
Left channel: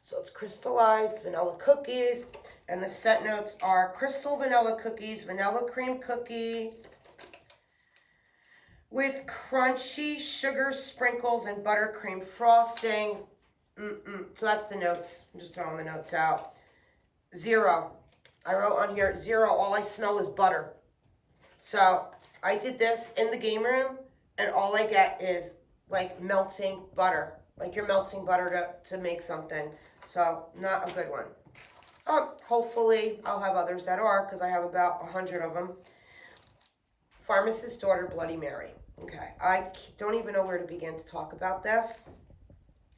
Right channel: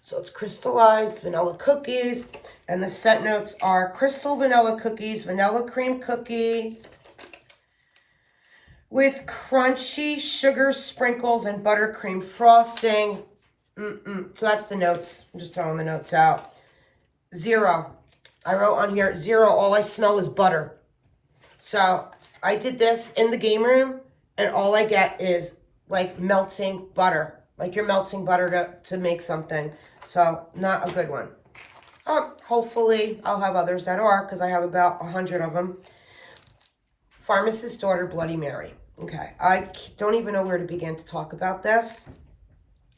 So it's crystallized vanilla cookies, and the scent notes are crystal vanilla cookies, vanilla cream cookie with crunchy sugar sprinkles and buttercream frosting. So that's the notes. I'm just throwing the notes out. 0. I wrote on here 0. All I smell is butter. So I did this in the game room, and all I get is like melting butter. Like you're melting butter to make something. So not a good one. Hopefully I'll have others that are, because I have about 100 of them. Pharmacist's Daughter Bloody Mary. Okay, I don't even know where to begin to talk about this.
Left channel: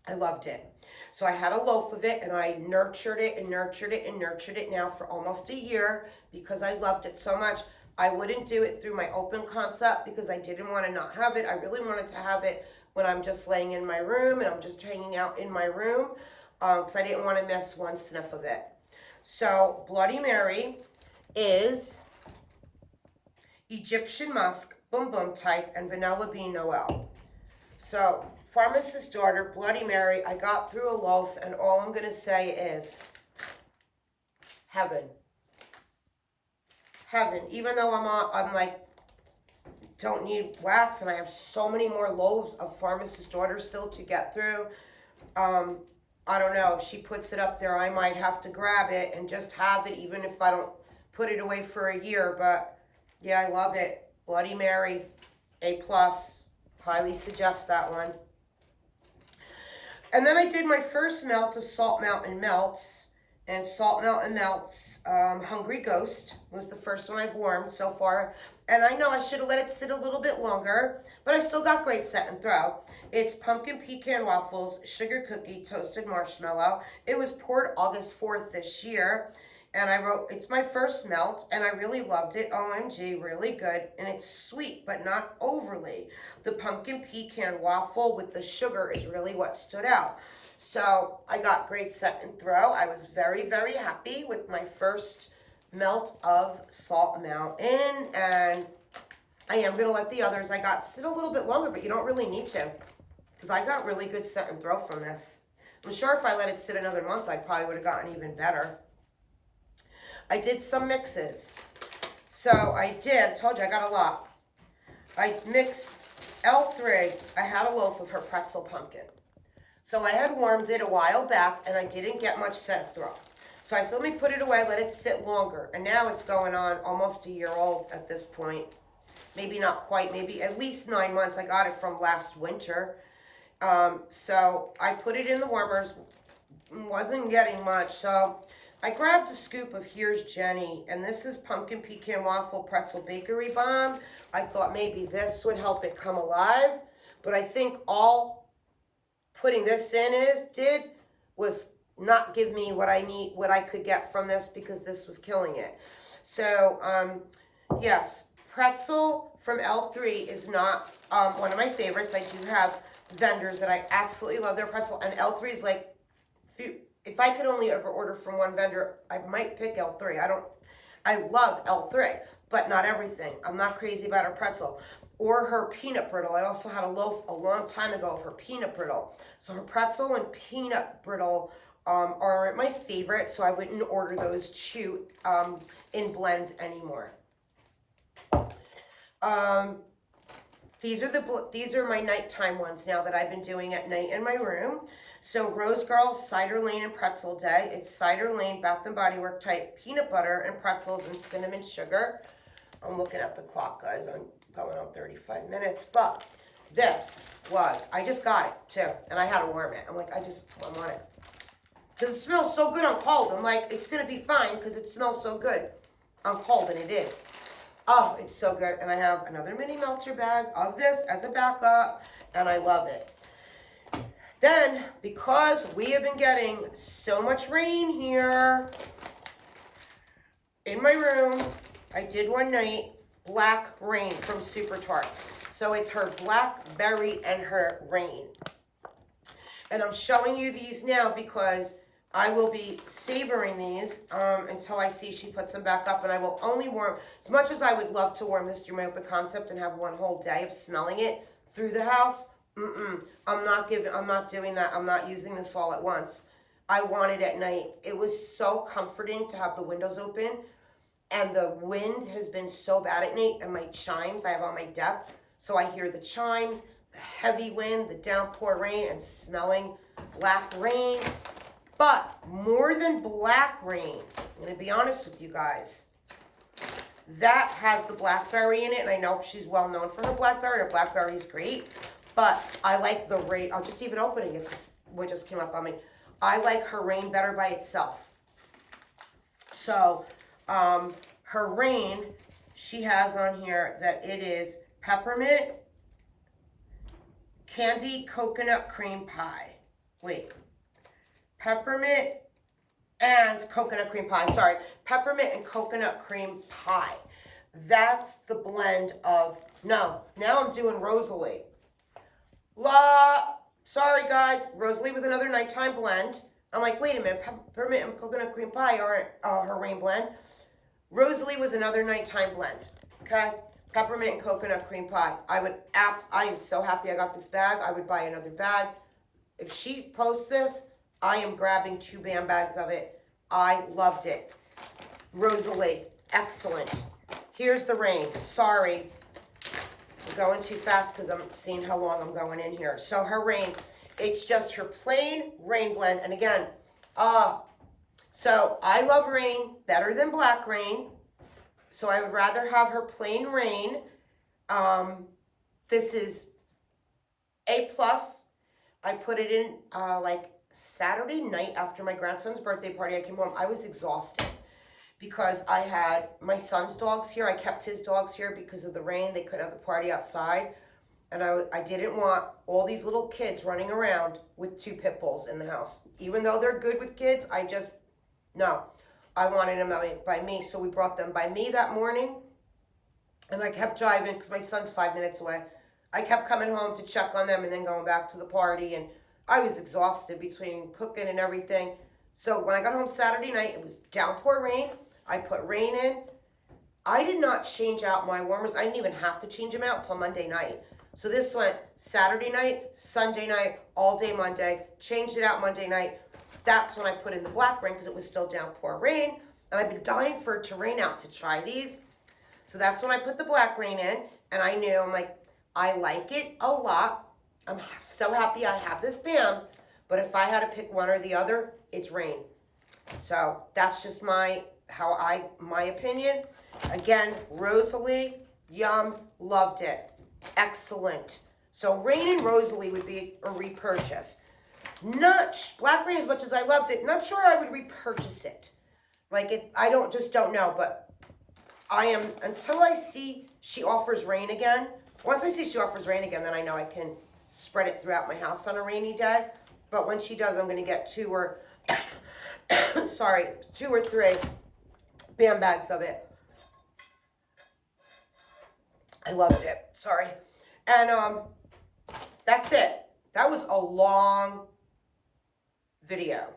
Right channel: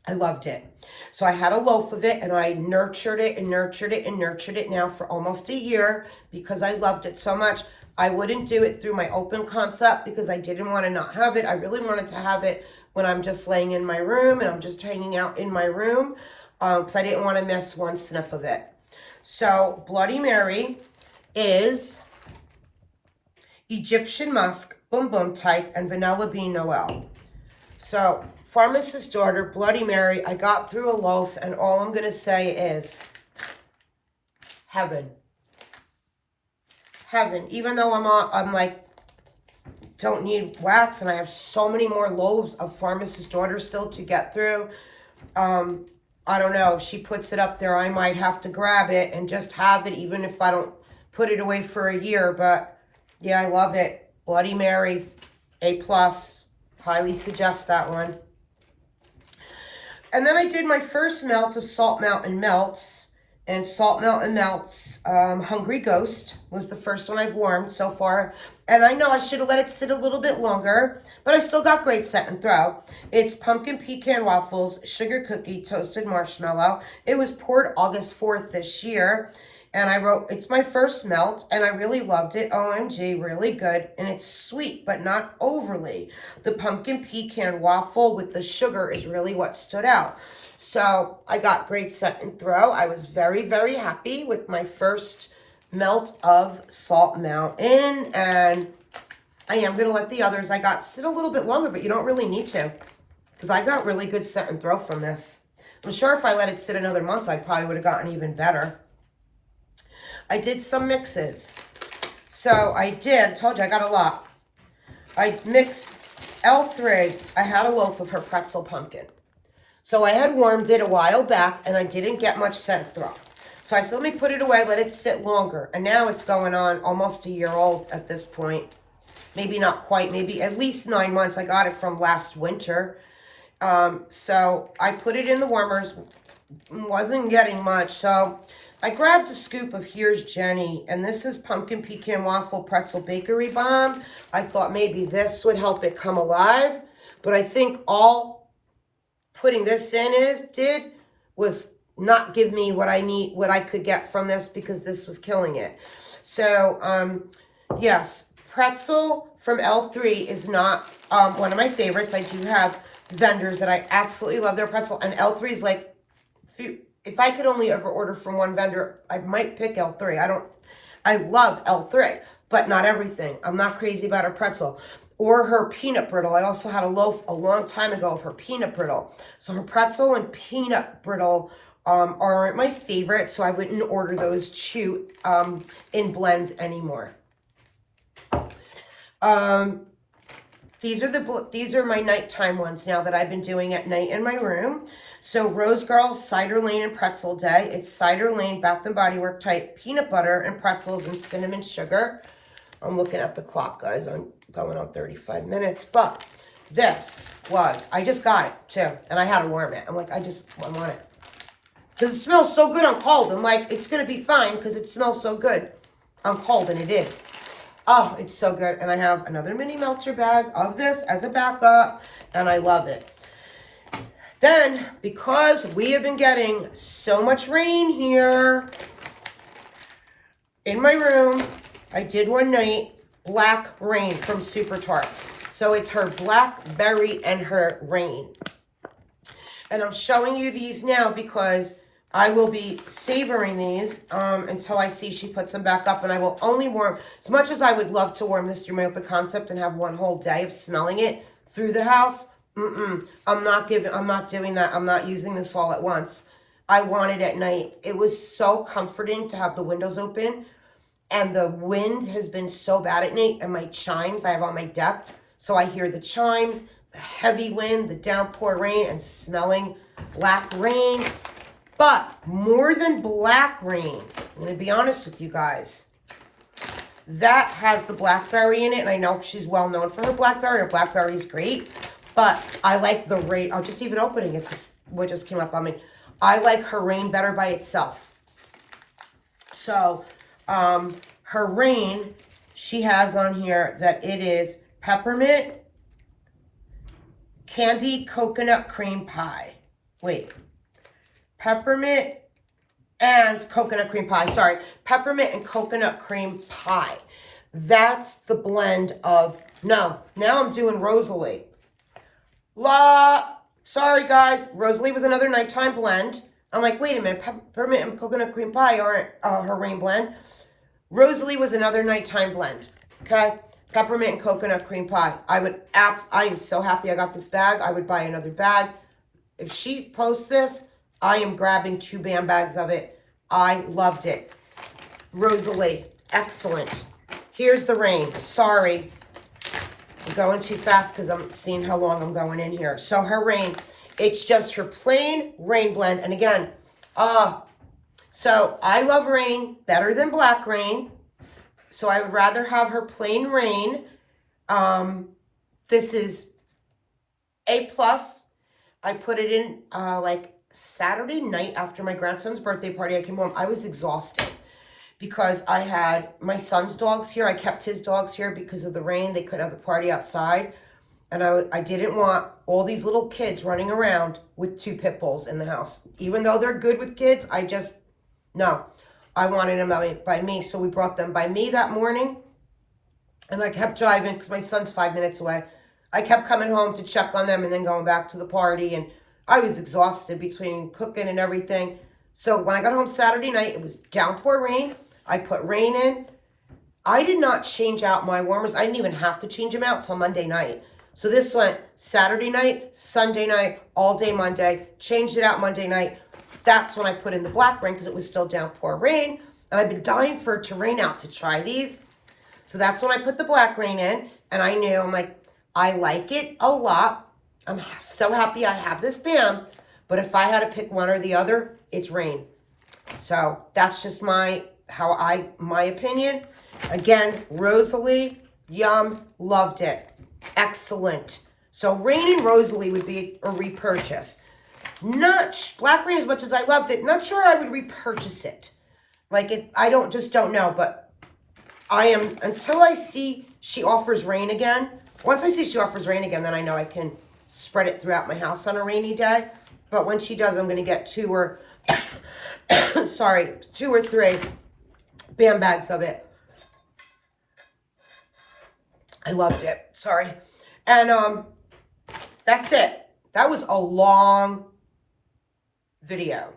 I loved it. So I had a loaf of it and I nurtured it and nurtured it and nurtured it now for almost a year because I loved it so much. I wouldn't do it through my open concept because I didn't want to not have it. I really wanted to have it when I'm just laying in my room and I'm just hanging out in my room because I didn't want to miss one sniff of it. So Bloody Mary is Egyptian musk, boom boom type, and vanilla bean Noel. So Pharmacist's Daughter, Bloody Mary, I got through a loaf, and all I'm going to say is heaven. Heaven. Even though I'm like, don't need wax, and I have so many more loaves of Pharmacist's Daughter still to get through. I don't know. If she puts it up there, I might have to grab it and just have it, even if I don't put it away for a year. But yeah, I love it. Bloody Mary, A+. Highly suggest that one. And then I did my first melt of Salt Mountain Melts. And Salt Mountain Melts Hungry Ghost was the first one I've warmed so far. And I know I should have let it sit a little bit longer, but I still got great set and throw. It's pumpkin pecan waffles, sugar cookie, toasted marshmallow. It was poured August 4th this year. And I wrote, it's my first melt, and I really loved it. OMG, really good. And it's sweet, but not overly. The pumpkin pecan waffle with the sugar is really what stood out. So I got great set and throw. I was very, very happy with my first melt of Salt Mountain. And I am going to let the others I got sit a little bit longer, but you don't really need to. Because I got really good set and throw from this. I'm sure if I let it sit another month, I probably would have gotten even better. I did some mixes. So I told you I got a lot. I mixed L3. I had a loaf of her pretzel pumpkin. So I had warmed it a while back and I didn't get much scent through. So I said, let me put it away, let it sit longer. And now it's going on almost a year old at this point. Maybe not quite, maybe at least 9 months. I got it from last winter. So I put it in the warmers, wasn't getting much. So I grabbed a scoop of Here's Jenny, and this is pumpkin pecan waffle pretzel bakery bomb. I thought maybe this would help it come alive, but I think all putting this in was not give me what I need, what I could get from this, because this was killing it. So yes, pretzel from L3 is not one of my favorites. I do have vendors that I absolutely love their pretzel, and L3 is like, if I could only ever order from one vendor, I might pick L3. I love L3, but not everything. I'm not crazy about her pretzel. Or her peanut brittle. I also had a loaf a long time ago of her peanut brittle. So her pretzel and peanut brittle aren't my favorite, so I wouldn't order those two in blends anymore. These are my nighttime ones now that I've been doing at night in my room. So Rose Girls Cider Lane and Pretzel Day. It's Cider Lane Bath and Body Work type peanut butter and pretzels and cinnamon sugar. I'm looking at the clock, guys. I'm going on 35 minutes. But this was, I just got it too, and I had to warm it. I'm like, I want it. Because it smells so good on cold. I'm like, it's going to be fine because it smells so good on cold, and it is. Oh, it's so good. And I have another mini melter bag of this as a backup, and I love it. Then, because we have been getting so much rain here in my room, I did one night Black Rain from Super Tarts. So it's her blackberry and her rain. And I'm showing you these now because I will be savoring these until I see she puts them back up. And I will only warm, as much as I would love to warm this through my open concept and have one whole day of smelling it through the house, I'm not doing that. I'm not using this all at once. I want it at night. It was so comforting to have the windows open, and the wind has been so bad at night, and my chimes I have on my deck, so I hear the chimes, the heavy wind, the downpour rain, and smelling Black Rain. But more than Black Rain, I'm going to be honest with you guys, that has the blackberry in it, and I know she's well known for her blackberry. Her blackberry is great. But I like the rain. I'll just even opening it because what just came up on me. I like her rain better by itself. So her rain, she has on here that it is peppermint, candy coconut cream pie. Wait. Peppermint and coconut cream pie. Sorry. Peppermint and coconut cream pie. That's the blend of, no, now I'm doing Rosalie. Sorry guys, Rosalie was another nighttime blend. I'm like, wait a minute, peppermint and coconut cream pie aren't her rain blend. Rosalie was another nighttime blend, okay? Peppermint and coconut cream pie. I am so happy I got this bag. I would buy another bag. If she posts this, I am grabbing 2 BAM bags of it. I loved it. Rosalie, excellent. Here's the rain. Sorry. I'm going too fast because I'm seeing how long I'm going in here. So her rain, it's just her plain rain blend. And again, so I love rain better than black rain. So I would rather have her plain rain. This is A+. I put it in like Saturday night after my grandson's birthday party. I came home. I was exhausted because I had my son's dogs here. I kept his dogs here because of the rain. They couldn't have the party outside. And I didn't want all these little kids running around with 2 pit bulls in the house. Even though they're good with kids, no. I wanted them by me. So we brought them by me that morning. And I kept driving because my son's 5 minutes away. I kept coming home to check on them and then going back to the party. And I was exhausted between cooking and everything. So when I got home Saturday night, it was downpour rain. I put rain in. I did not change out my warmers. I didn't even have to change them out until Monday night. So this went Saturday night, Sunday night, all day Monday. Changed it out Monday night. That's when I put in the black rain because it was still downpour rain. And I've been dying for it to rain out to try these. So that's when I put the black rain in. And I knew, I'm like, I like it a lot. I'm so happy I have this BAM. But if I had to pick one or the other, it's rain. So that's just my opinion. Again, Rosalie, yum, loved it. Excellent. So rain and Rosalie would be a repurchase. Not black rain, as much as I loved it, not sure I would repurchase it. Like it, I just don't know, but I am, until I see she offers rain again. Once I see she offers rain again, then I know I can spread it throughout my house on a rainy day. But when she does, I'm going to get 2 or 3 BAM bags of it. I loved it. Sorry. And that's it. That was a long video.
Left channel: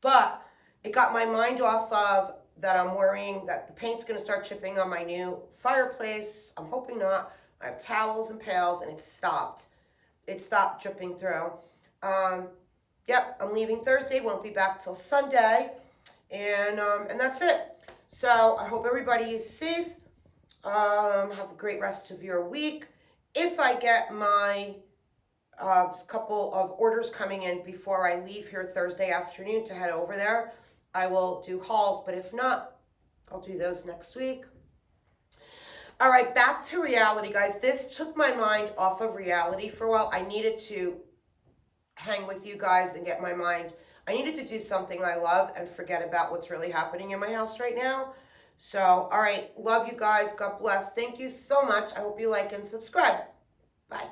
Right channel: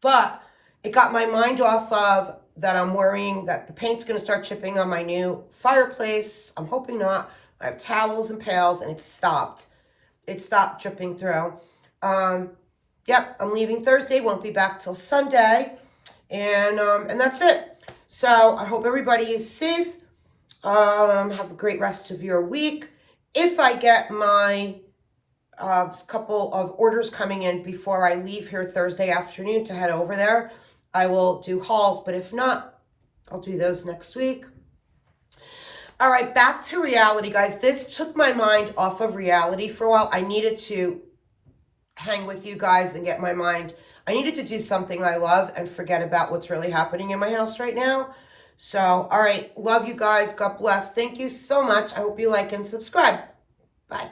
But it got my mind off of that I'm worrying that the paint's going to start chipping on my new fireplace. I'm hoping not. I have towels and pails, and it stopped. It stopped dripping through. Yep, I'm leaving Thursday. Won't be back till Sunday. And that's it. So I hope everybody is safe. Have a great rest of your week. If I get my couple of orders coming in before I leave here Thursday afternoon to head over there, I will do hauls. But if not, I'll do those next week. All right, back to reality, guys. This took my mind off of reality for a while. I needed to hang with you guys and get my mind. I needed to do something I love and forget about what's really happening in my house right now. So, all right, love you guys. God bless. Thank you so much. I hope you like and subscribe. Bye.